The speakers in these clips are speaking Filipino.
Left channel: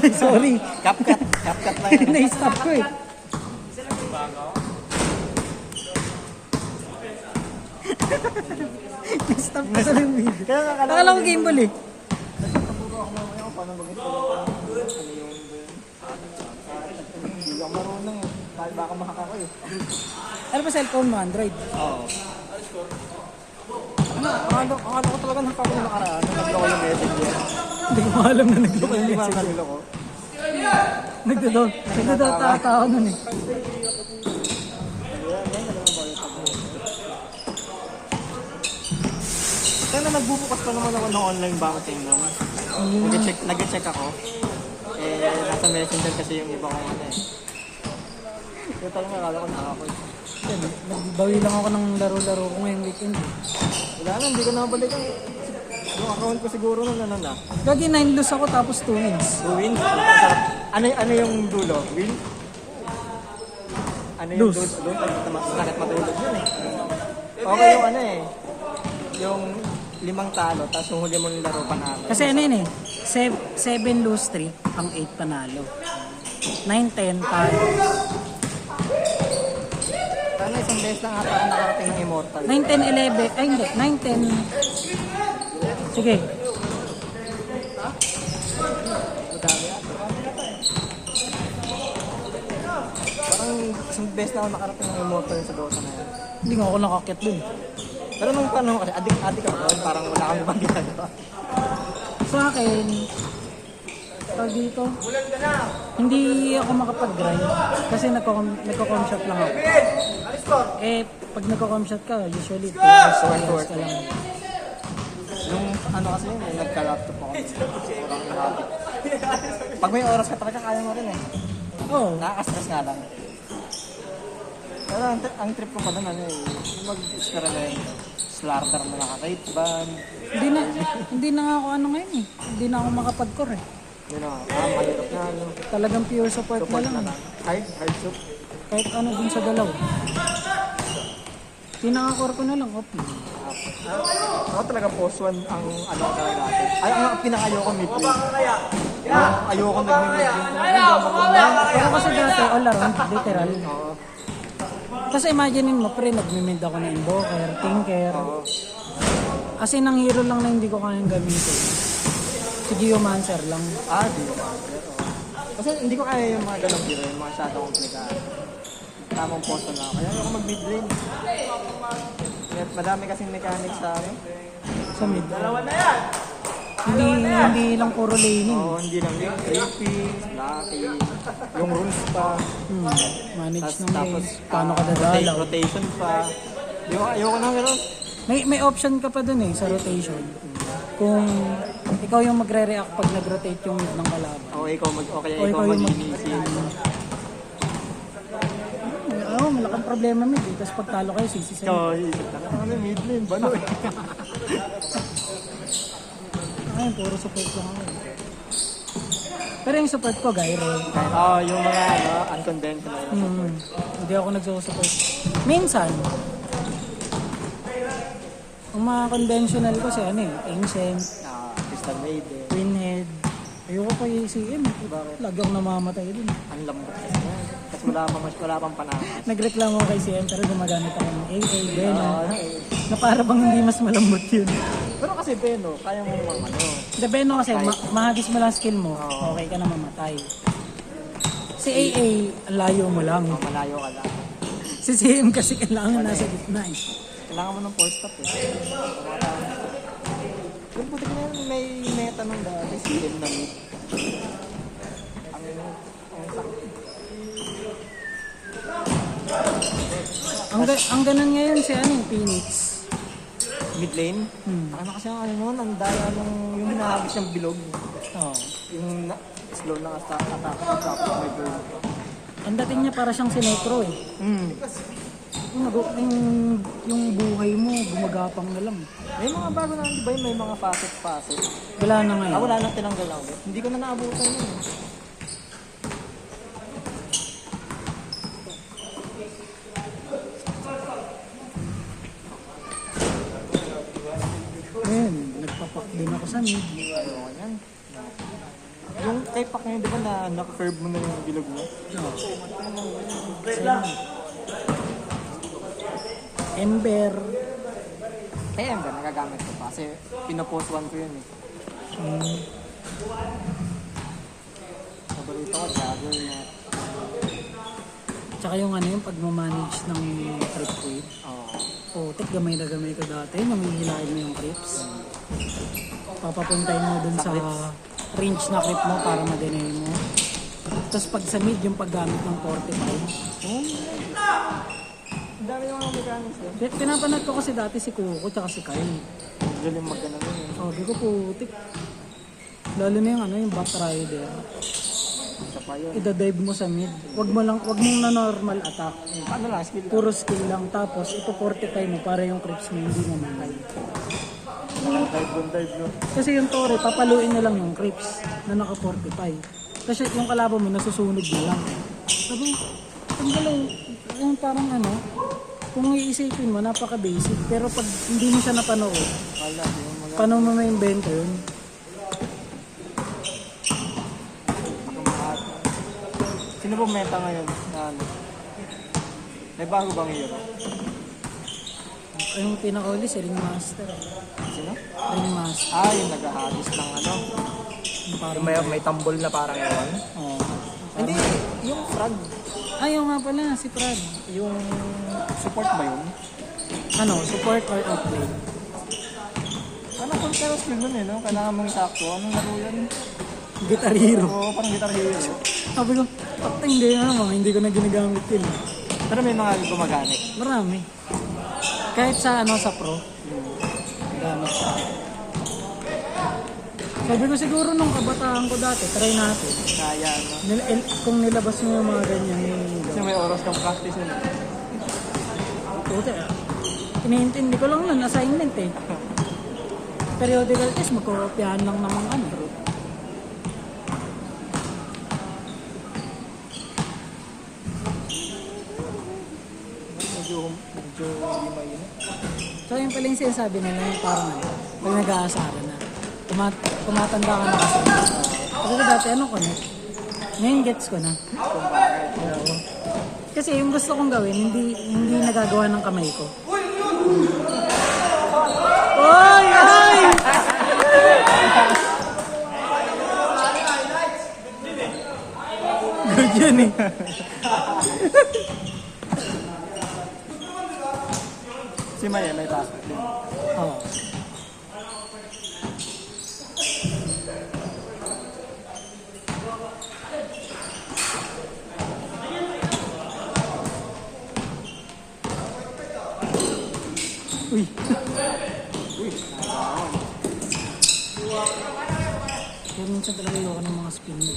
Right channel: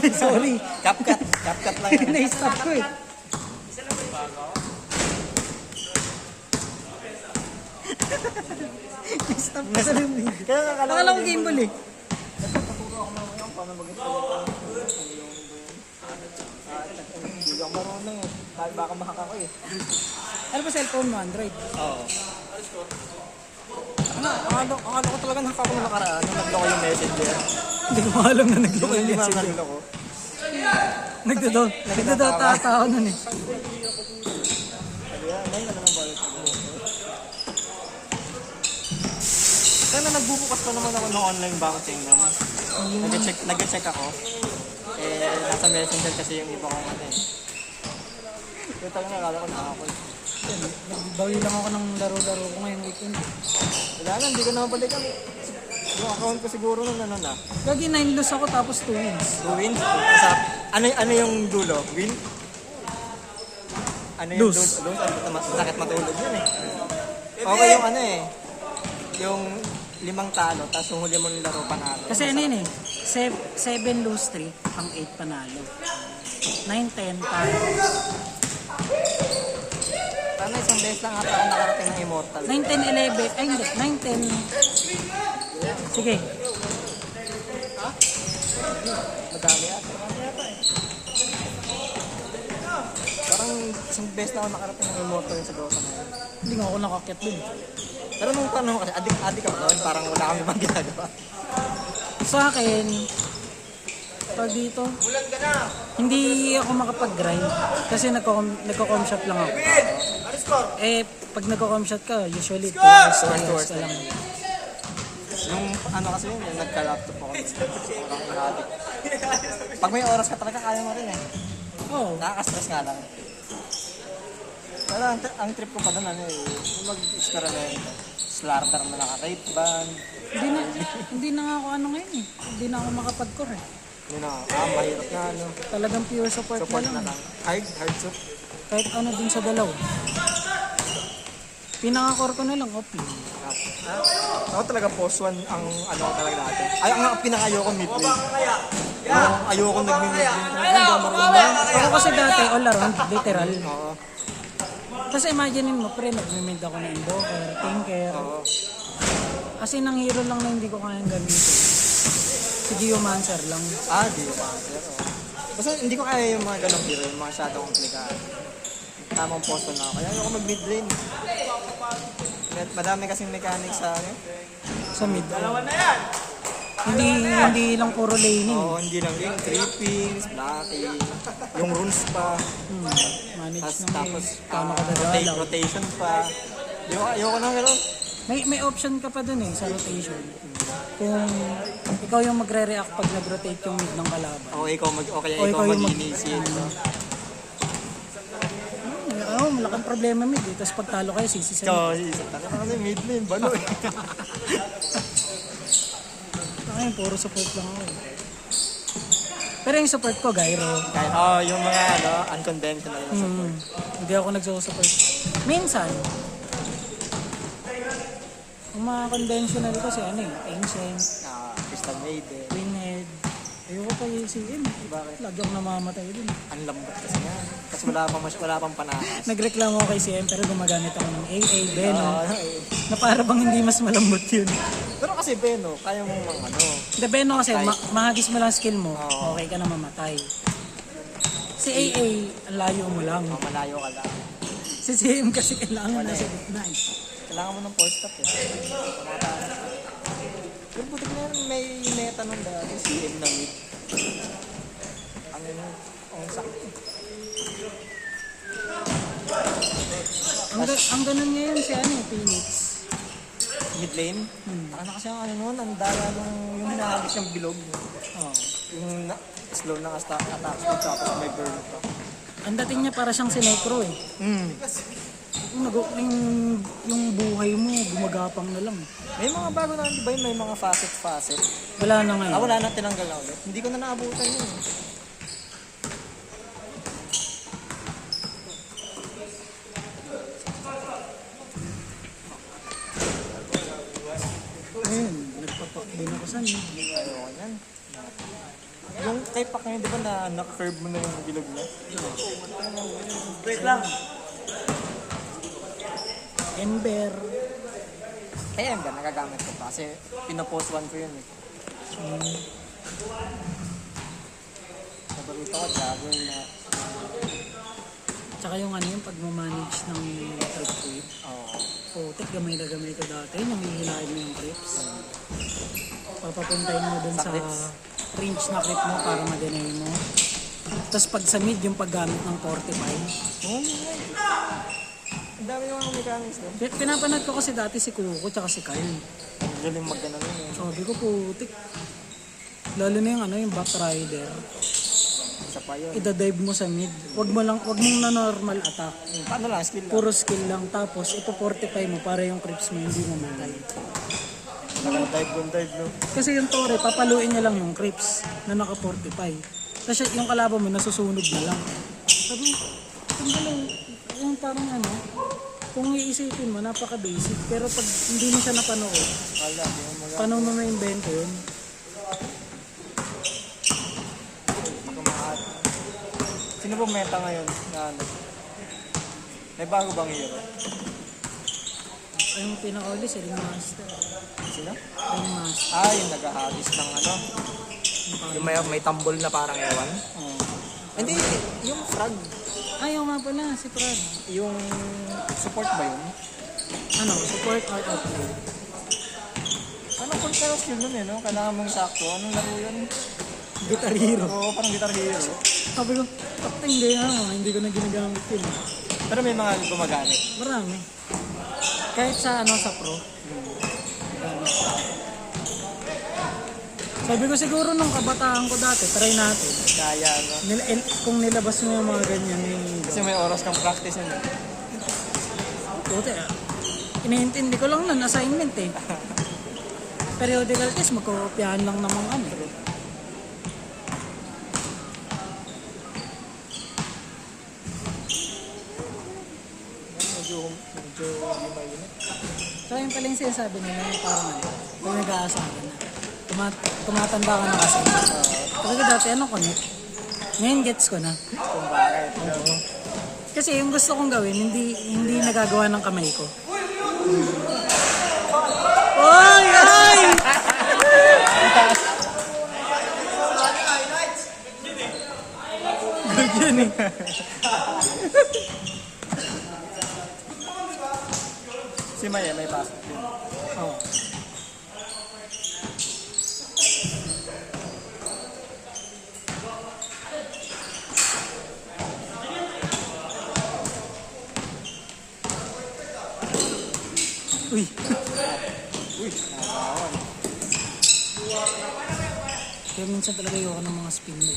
Sorry. CapCut lang yan. Na-stop ko eh. Na-stop ko sa yung video. Kaya nga Akala ko game ball eh. Natuturo ako mamaya kung paano mag-install. Hindi ako marunong eh. Kahit baka mahaka ko eh. Ano ba cellphone mo? Android? Oo. Akala ko talaga nakaka na nakaraan. Naglo ko yung message niya. Hindi ko alam na nag-look ang Hindi message. makakalo ko. Nagdadata ako nun eh. Sana nagbubukas pa naman ako ng online banking nun. Nag-check ako. Eh, nasa messenger kasi yung iba kong ano eh. Kaya talaga akala ko nakaka-call. Nagbawi lang ako ng laro-laro ko ngayong weekend. Wala na, hindi ko na mabalikan. Yung account ko siguro nun ano na. Gagi 9 lose ako tapos 2 wins. Win? Ano yung dulo? Win? Ano yung Lose. lose? Bakit matulog yun eh? Okay yung ano eh. Yung 5 talo, tapos yung huli mo ng laro panalo. Kasi ano yun eh. 7 lose 3, ang 8 panalo. 9-10 talo. Sana isang beses lang ata ako nakarating ng Immortal. 9-10-11. Ay hindi. 9-10. Sige. Parang isang beses na ako nakarating ng Immortal sa Dota na yan. Hindi nga ako nakakit dun. Pero nung panahon kasi, adik ako doon, parang wala kami bang ginagawa. Sa akin, pag dito, hindi ako makapag-grind. Kasi nagko-com shop lang ako. Eh, pag nagko-com shop ka, usually 2 hours ka lang. Yung ano kasi yun, nagka-laptop ako. Parang inadik. Pag may oras ka talaga, kaya mo rin eh. Oo. Nakaka-stress nga lang. Pero ang trip ko pa doon, ano eh, yung mag-experiment. Slarter na naka-rape band. Hindi na nga ako ano ngayon eh. Hindi na ako makapag-core eh. Yun o, mahirap yan. Talagang pure support na lang eh. Hard shot. Kahit ano dun sa dalaw. Pinaka-core ko na lang, OP. Ako talaga post 1 ang ano talaga natin. Ay, ang pinakayoko mid-lane. Ayoko nag-mid-lane. Pero kasi dati, all around, literal. Kasi imagine mo, pre, nag-mid ako na Invoker, Tinker. Kasi nang hero lang na hindi ko kayang gamitin. Si Biomancer lang. Di. Kasi hindi ko kaya yung mga ganong hero, yung mga shadow komplikado. Tamang post na ako. Kaya ako mag-mid-lane. Madami kasing mechanics sa akin. Sa mid. Hindi lang puro laning. Oo, hindi lang yung creeping, blocking, yung runes pa. Manage ng Tapos, lane. Paano ka dadalaw. rotation pa. Ayoko na gano'n. May option ka pa dun eh sa rotation. Kung ikaw yung magre-react pag nag-rotate yung mid ng kalaban. O ikaw ikaw yung mag-initiate. Oo, malaking problema mid eh. Tapos pag talo kayo, sisi Ikaw, isip na kasi mid lane, balo eh. Ay, puro support lang yun. Pero yung support ko, Gyro. Yung mga unconventional. Hindi ako nagsusupport. Minsan, ang mga conventional kasi ano eh, Ancient, Crystal Maiden. Pinhead. Ayoko pa yung CM. Bakit? Lagi akong namamatay din. Ang lambot kasi yan. Tapos wala pang panahon. Nagreklamo ako kay CM pero gumagamit ako ng AA, Beno. Na para bang hindi mas malambot yun. Pero kasi Beno, kaya mo ano. The Beno kasi, mahagis mo lang skill mo, okay ka na mamatay. Si AA, ang layo mo lang. Malayo ka lang. Si CM kasi kailangan mo nasa gitna eh. Kailangan mo ng force stop eh. Pero buti na yun, may meta nung dati, CM na mid. Ang ganun ngayon si ano, Phoenix. Mid lane? Ano kasi ang ano nun, ang daya nung yung hinahagis ng bilog. Oh. Yung slow ng attack tapos may burn pa. Ang dating niya para siyang si Necro eh. Yung buhay mo, gumagapang na lang. May mga bago na di ba may mga facet. Wala na ngayon. Wala na tinanggal ako. Hindi ko na naabutan yun eh. Nagpapak din ako sa mid. Ayoko yan. Yung Sky pack ngayon, di ba na naka-curve mo na yung bilog niya? Ember. Kaya hanggang nagagamit ko pa kasi pinopost one ko yun eh. Paborito ko, jogger na. Tsaka yung ano yung pagmamanage ng trip weight. Oo. Putik, gamay na gamay ko dati. Yung hihilahin mo yung crips. Papapuntayin mo dun Sa sa range na clip mo para ma-deny mo. Tapos pag sa mid, yung paggamit ng 45. Ang dami yung mga mechanics eh. Pinapanood ko kasi dati si Kuko tsaka si Kyle. Galing magkano yun eh. Sabi ko, putik. Lalo na yung ano, yung back rider. Isa pa yun. Ida-dive mo sa mid. Huwag mo na normal attack. Ano lang, skill lang. Puro skill lang. Tapos ito 45 mo para yung creeps mo hindi naman. Dive, no? Kasi yung Toro, papaluin niya lang yung creeps na naka 45. Kasi yung kalaban mo nasusunod na lang. Sabi, ang galing. Yung parang ano, kung iisipin mo, napaka-basic. Pero pag hindi mo siya napanood, Wala, di mo mag- paano mo ma-invento yun? Kumahat. Sino pong meta ngayon na ano? May bago bang hero? Yung pinaka-uli, si Ringmaster. Sino? Ringmaster. Ah, yung nag-habis ng ano? Yung parang, May tambol na parang ewan? oh. Hindi, yung frog. Ay, yung nga pala, si Prad. Yung support ba yun? Ano, support or upgrade? Parang full cara skill nun eh, no? Kailangan mong sakto. Anong laro yun? Guitar Hero. Oo, parang guitar hero. Sabi ko, hindi na naman, hindi ko na ginagamit yun. Pero may mga gumagamit. Marami. Kahit sa ano sa pro. Gamit pa. Sabi ko siguro nung kabataan ko dati, try natin. Kaya, Kung nilabas mo yung mga ganyan kasi may oras kang practice yun. puti eh. Iniintindi ko lang nun, assignment eh. Periodical test, magkopyahan lang naman ano. Medyo lima yun. So yung pala yung sinasabi nila yung parang kung nag-aasarin na. Tumatanda ka na kasi. Kasi ko dati ano ko na. Ngayon gets ko na. Oo. Kasi yung gusto kong gawin, hindi nagagawa ng kamay ko. Oy! Ay! Ganyan eh. Si Maya, may pasok din. Oo. Uy. Kaya minsan talaga yung ng mga spin mo.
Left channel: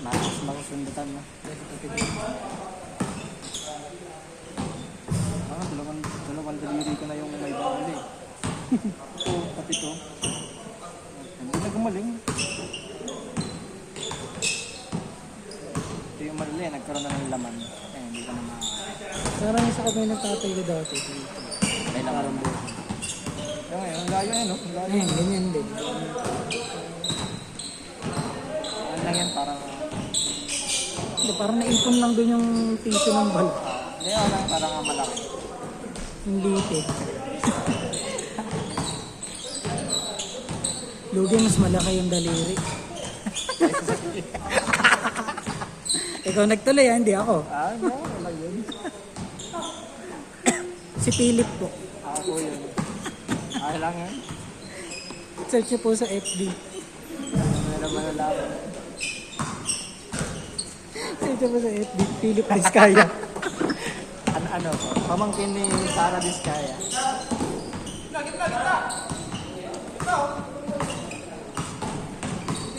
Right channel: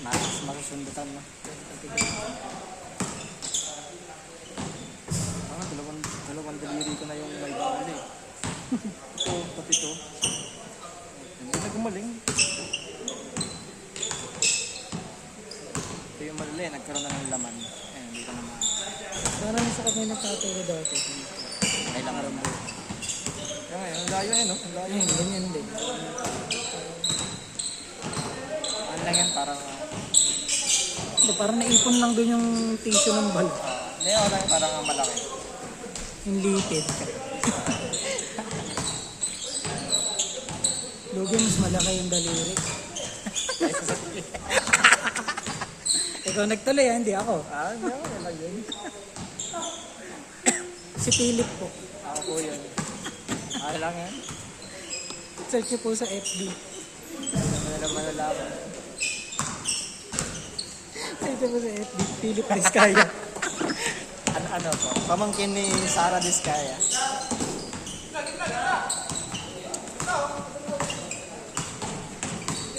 Mas masusundatan na. Dalawang daliri ko na yung may bawal eh. Ito, pati ito. Hindi na gumaling. Ito yung malili, nagkaroon na ng laman. Eh, hindi ka na Parang sa kami nagtatay ko dati. may laman na. Kaya ngayon, ang layo eh, no? Ang layo. Ayun, ganyan din. Ano na yun, parang... Parang naipon lang din yung tissue ng bal. Hindi, ako lang parang ang malaki. Yung litid. Lugi, mas malaki yung daliri. Ikaw nagtuloy hindi ako. Ah, hindi ako, wala yun. Si Philip po. Ako po yun. Ay lang yan. Search niyo po sa FB. Ano mo na naman nalaman. Search niyo po sa FB. Philip Vizcaya. Ano po? Pamangkin ni Sara Vizcaya.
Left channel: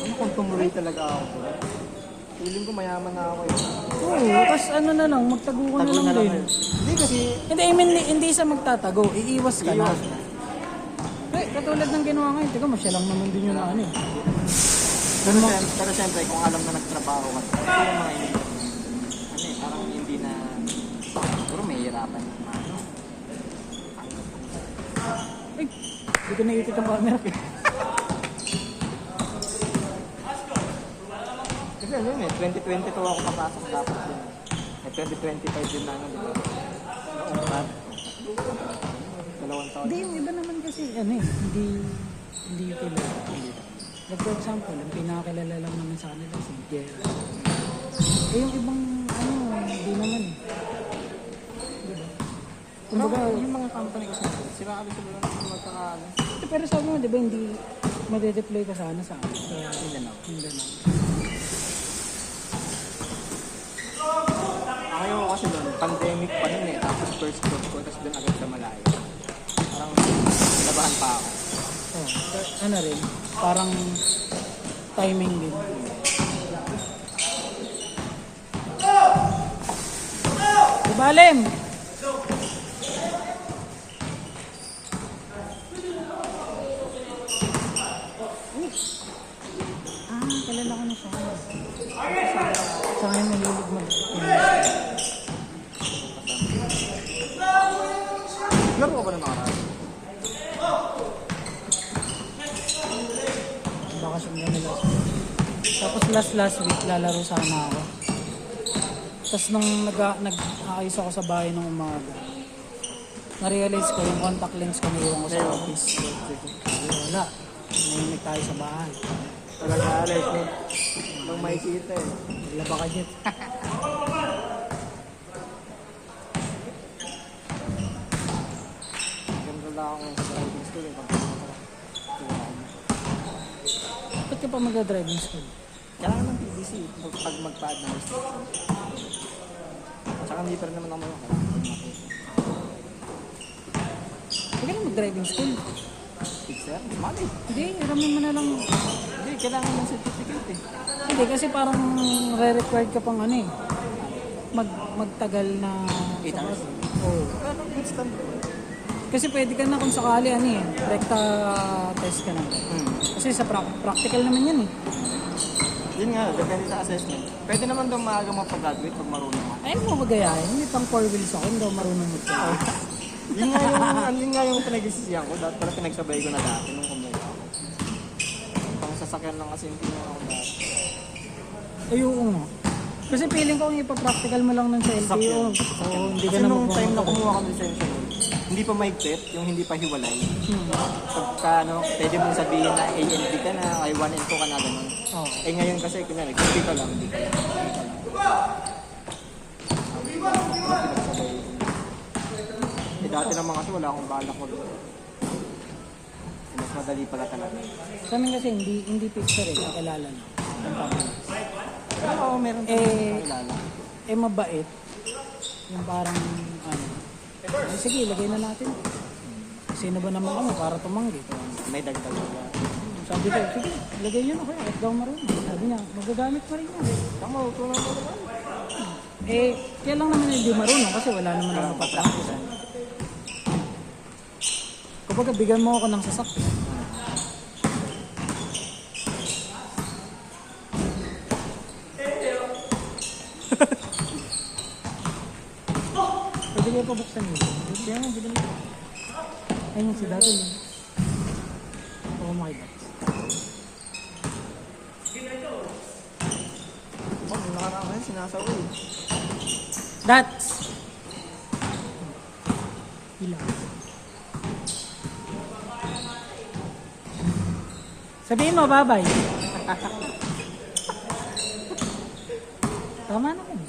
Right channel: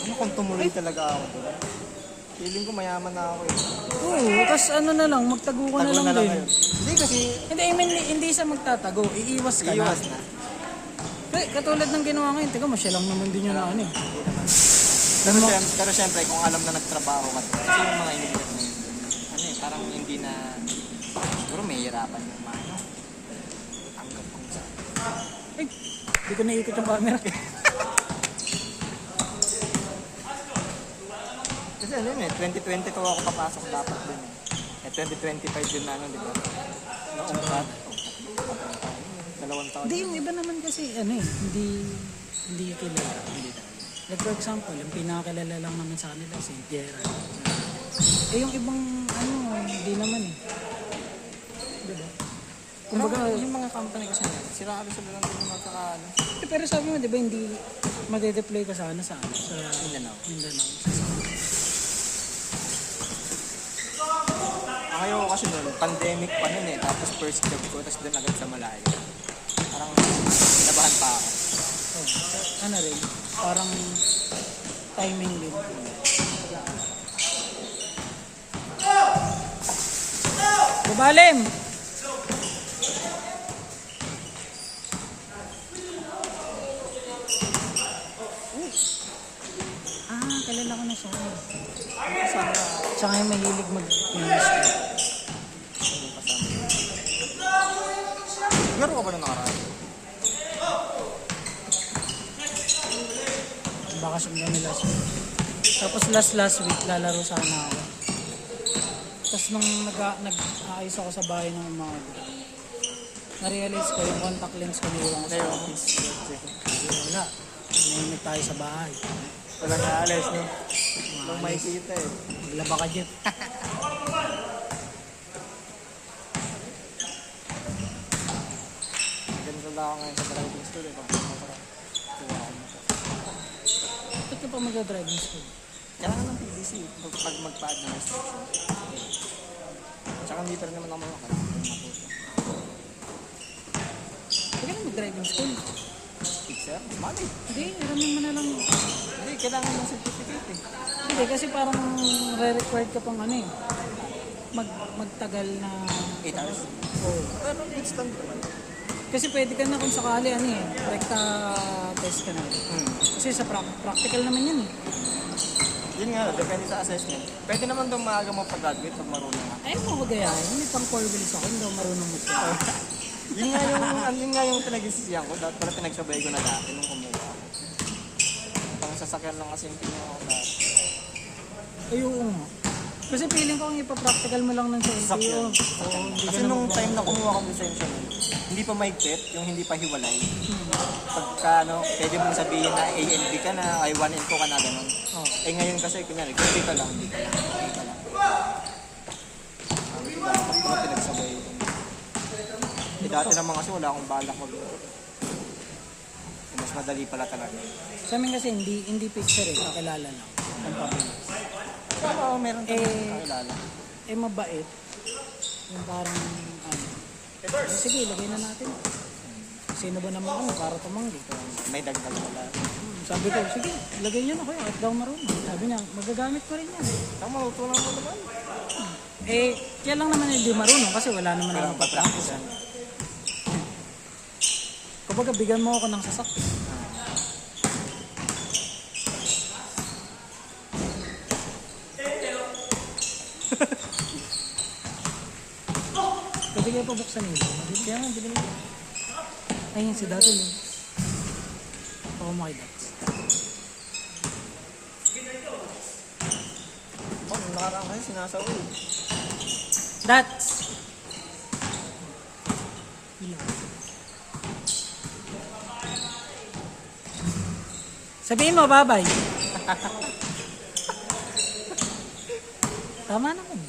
Pag tumuloy talaga ako. Feeling ko mayaman na ako eh. Oo, tapos ano na lang, magtago ko na Tago lang na lang din. kayo. Hindi kasi... Hindi, I mean, hindi sa magtatago, iiwas ka na. Iiwas na. Katulad ng ginawa ngayon, tiga, masyalang naman din yun na ano eh. Pero syempre, kung alam na nagtrabaho ka, kasi yung mga hindi kasi parang hindi na... Siguro may hirapan yung mga... Ay, hindi ko naikot ang camera. ano yun eh, 2022 ako napasok dapat yun. Eh, 2025 yun na ano, di ba? Dalawang taon. Hindi, yung iba naman kasi, ano eh, hindi kilala. Like for example, yung pinakakilala lang naman sa kanila, si Gerard. Eh, yung ibang, hindi naman eh. Diba? Kumbaga, Yung mga company kasi, siraan sila lang ng mga ano. pero sabi mo, di ba, hindi madedeploy ka sa Mindanao. Mindanao. Ngayon kasi doon, pandemic pa nun eh, tapos first job ko, tapos doon agad sa Malaya. Parang labahan pa ako. Oh, so, ano rin, parang timing din. Ibalim! Kilala ko na siya. Tsaka yung mahilig mo. Laro ko ba ng mga Bakasyon na nila siya. Tapos last week, lalaro sana ako. Tapos nung nag-aayos ako sa bahay ng umaga, na-realize ko yung contact lens ko naiwan ko sa office. Wala. Nainit tayo sa bahay. Wala na alis eh. Nung may kita eh. Maglaba ka, Jeff. Ganda na ako ngayon sa driving school eh. Pag parang kuha ako na to. Ba't ka pa mag-driving school? Kailangan ng PDC pag mag-pad ng restriction. Tsaka hindi pa rin naman ako kailangan ko yung matuto. Huwag ka na mag-driving school. Fixer? Mali. Hindi, raman mo na lang. Hindi, kailangan ng certificate eh. Hindi, kasi parang re-required ka pang ano eh. Magtagal na... 8 hours. Oo. Pero good stand naman. Kasi pwede ka na kung sakali ano eh. Recta test ka na. Kasi sa practical naman yun eh. Yun nga, depende sa assessment. Pwede naman daw maaga mo pag-graduate pag marunong ka. Ayun mo magayahin. Hindi pang 4 wheels ako. Hindi ako marunong mo. Yun nga yung pinag-isisiyan ko. Dahil pala pinagsabay ko na dati nung kumuha ako. Pang sasakyan lang kasi yung kinuha ko dati. Ay, oo nga. Kasi feeling ko ang ipapractical mo lang ng sa LTO. Sasakyan. Oo, hindi Kasi ka na nung mag- time na kumuha ko ng lisensya nun, hindi pa mahigpit, yung hindi pa hiwalay. Pagka pwede mong sabihin na ANB ka na, ay 1 and 2 ka na gano'n. Oo. Eh ngayon kasi, kunyari, hindi ka lang, hindi ka lang, hindi ka lang. Eh dati naman kasi wala akong balak mo doon. Mas madali pala talaga. Sa amin kasi hindi picture eh. Kakilala na. Ang pabilis. Pero oo, meron kami kakilala. Eh mabait. Yung parang ano. Sige, lagay na natin. Sino ba naman kami para tumanggi? May dagdag. Sabi ko, sige, lagay nyo na kayo. At daw marunong. Sabi niya, magagamit ko rin yan. Tama, ito na ako. Eh, kaya lang naman hindi marunong kasi wala naman ako papractice. Kumbaga, bigyan mo ako ng sasakyan. Pwede kayo pa buksan nila. Kaya nga, bigyan ko. Ayun, si Dato. Oh my God. Oh, nakaraan kayo, sinasawi. That's ilang. Sabihin mo, babay. Tama naman.